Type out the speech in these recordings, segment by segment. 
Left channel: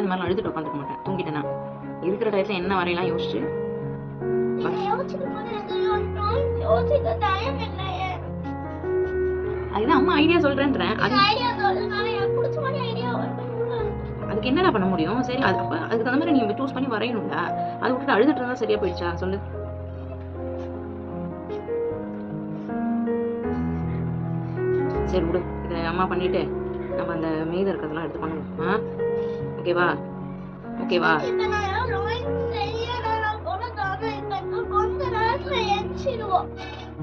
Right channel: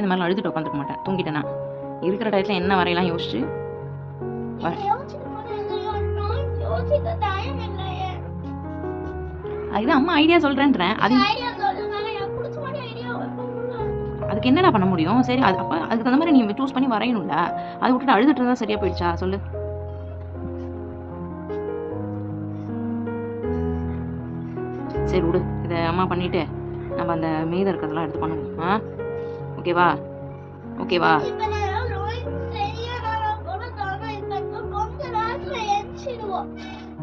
நான்லாம் இந்த மாதிரி அழுதுட்டு உட்காந்துக்க மாட்டேன், தூங்கிட்டேன்னா. இருக்கிற டயத்தில் என்ன வரையலாம் யோசிச்சு அதுதான் அம்மா ஐடியா சொல்றேன்றேன். அதுக்கு என்னடா பண்ண முடியும்? சரி, அது அப்போ அதுக்கு தகுந்த மாதிரி நீ சூஸ் பண்ணி வரையணும்டா. அதை விட்டுட்டு அழுதுட்டு இருந்தா சரியா போயிடுச்சா சொல்லு? சரி விடு, இதை அம்மா பண்ணிட்டு நம்ம அந்த மீதம் இருக்கிறதெல்லாம் எடுத்து பண்ணுவோம். ஓகேவா? ஓகேவா?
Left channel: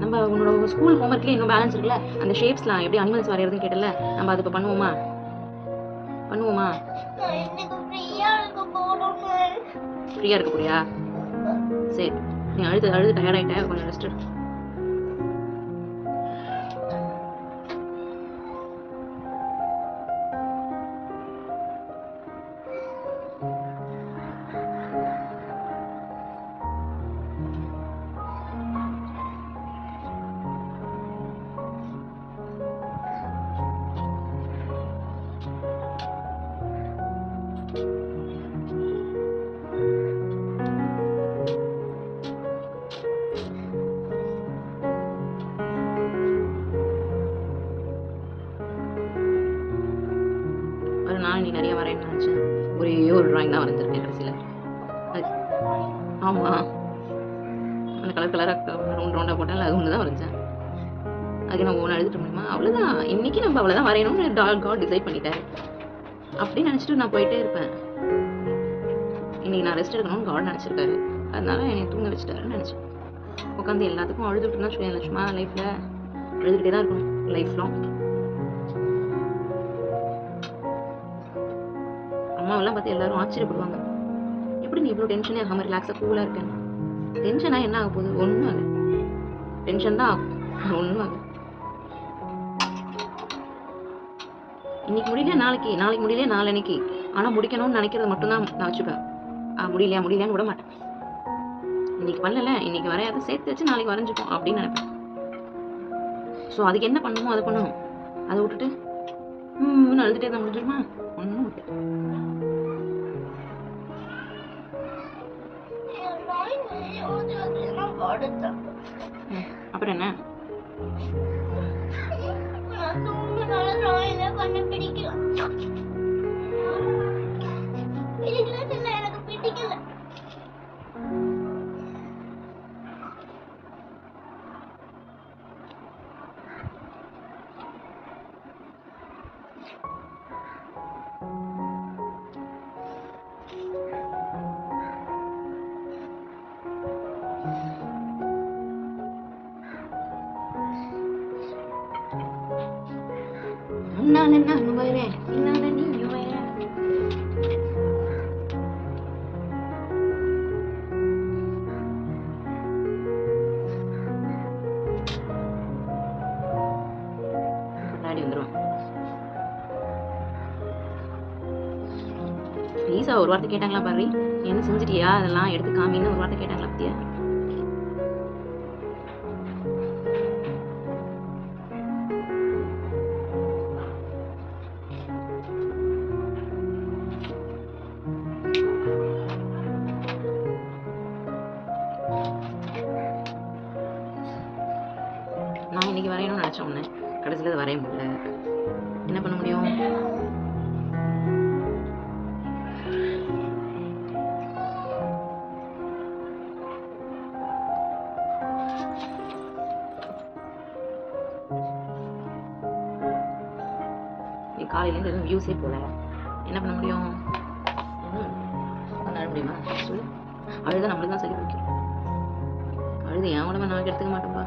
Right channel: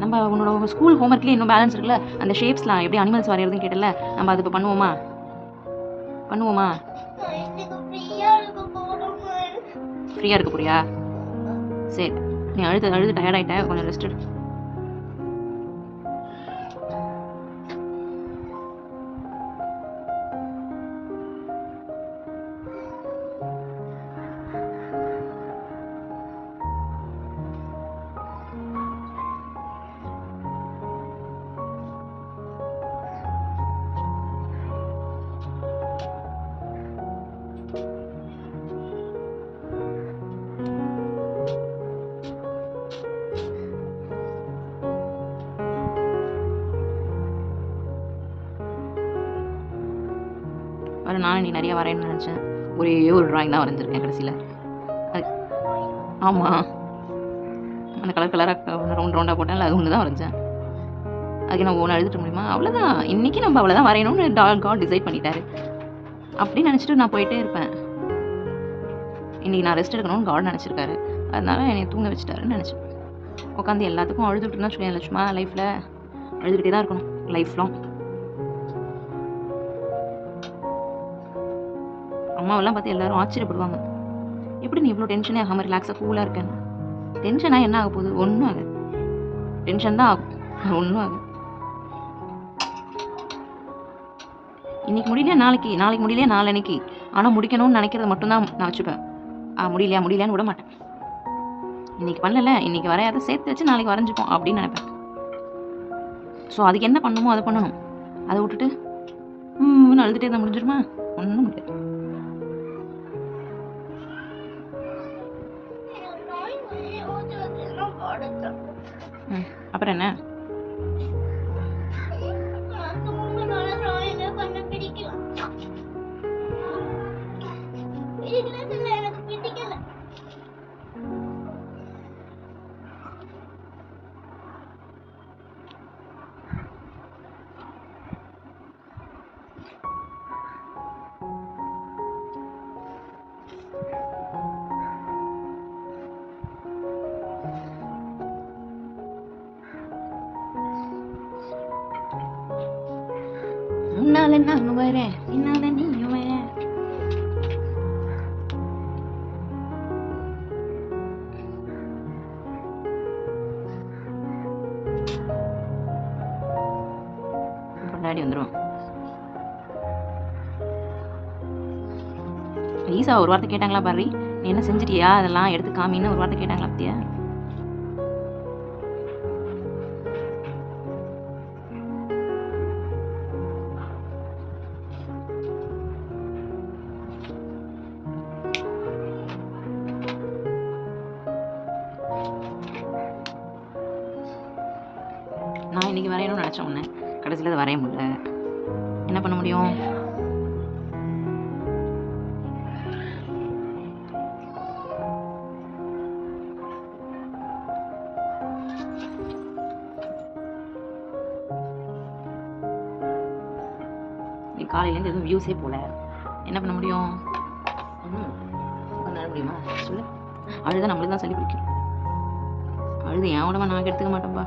நம்ம உன்னோட ஸ்கூல் ஹோம்ஒர்க்லேயே இன்னும் பேலன்ஸ் இருக்குல்ல, அந்த ஷேப்ஸ்லாம் எப்படி அனிமல்ஸ் வரைகிறதுன்னு கேட்டல, நம்ம அது இப்போ பண்ணுவோமா? ஃப்ரீயாக இருக்க போறியா? சரி, நீ அழுது டயர்டாயிட்ட, கொஞ்சம் ரெஸ்ட் எடு. நானும் நீ நிறைய வரையணும்னு நினச்சேன், ஒரே ஒரு ட்ராயிங் தான் வரைஞ்சிருக்கேன் கடைசியில். ஆமாம், அந்த கலராக ரவுண்டாக போட்டால் அது ஒன்று தான் வரைஞ்சேன். அதுக்கு நான் ஒன்று எழுதிட்டு முடியுமா? அவ்வளோதான், இன்றைக்கி நம்ம அவ்வளோதான் வரையணும்னு காட் டிசைட் பண்ணிட்டாரு. அப்படின்னு நினச்சிட்டு நான் போயிட்டே இருப்பேன். இன்றைக்கி நான் ரெஸ்ட் எடுக்கணும்னு காட் நினச்சிருக்காரு, அதனால என்னை தூங்க வச்சுட்டாருன்னு நினச்சேன். உட்காந்து எல்லாத்துக்கும் அழுதுட்டு இருந்தா வச்சுக்கோங்க, சும்மா லைஃப்பில் அழுதுகிட்டே தான் இருக்கணும் லைஃப் லாங். அம்மாவெல்லாம் பார்த்து எல்லாரும் ஆச்சரியப்படுவாங்க, எப்படி நீ இவ்வளோ டென்ஷனே ஆகாமல் ரிலாக்ஸாக கூலாக இருக்கேன்னு. டென்ஷனாக என்ன ஆக போகுது? ஒன்றும் ஆகுது. டென்ஷன் தான் ஆகும், ஒன்றும் ஆகுது. இன்னைக்கு முடியலையா நாளைக்கு, நாளைக்கு முடியலையா நாளைக்கு, ஆனால் முடிக்கணும்னு நினைக்கிறது மட்டும்தான் நான் வச்சுப்பேன். முடியலையான்னு விட மாட்டேன். இன்னைக்கு பண்ணல, இன்னைக்கு வரையாத சேர்த்து வச்சு நாளைக்கு வரைஞ்சிப்போம் அப்படின்னு நினைப்பேன். ஸோ அதுக்கு என்ன பண்ணணுமோ அதை பண்ணணும். அதை விட்டுட்டு அழுதுகிட்டே தான் முடிஞ்சிருமா? ஒன்றும் முடியாது. அப்புறம் என்ன? உன்னால நான் வரேன், என்னால நீயும் வரேன். முன்னாடி வந்துடும். ஈசா ஒரு வார்த்தை கேட்டாங்களா பாரு, நீ என்ன செஞ்சிட்டியா, அதெல்லாம் எடுத்து காமின்னு ஒரு வார்த்தை கேட்டாங்களா பத்தியா? நான் இன்னைக்கு வரையணும்னு நினச்சேன் ஒன்று, கடைசியில் அதை வரைய முடியல. என்ன பண்ண முடியும்? நீ காலையிலேருந்து எதுவும் வியூஸே போல, என்ன பண்ண முடியும்? அழ முடியுமா சொல்லு? அழுத நம்மளுக்கு தான் சளி பிடிக்கும். அழுது என் உடம்பை நான் எடுத்துக்க மாட்டேன்பா.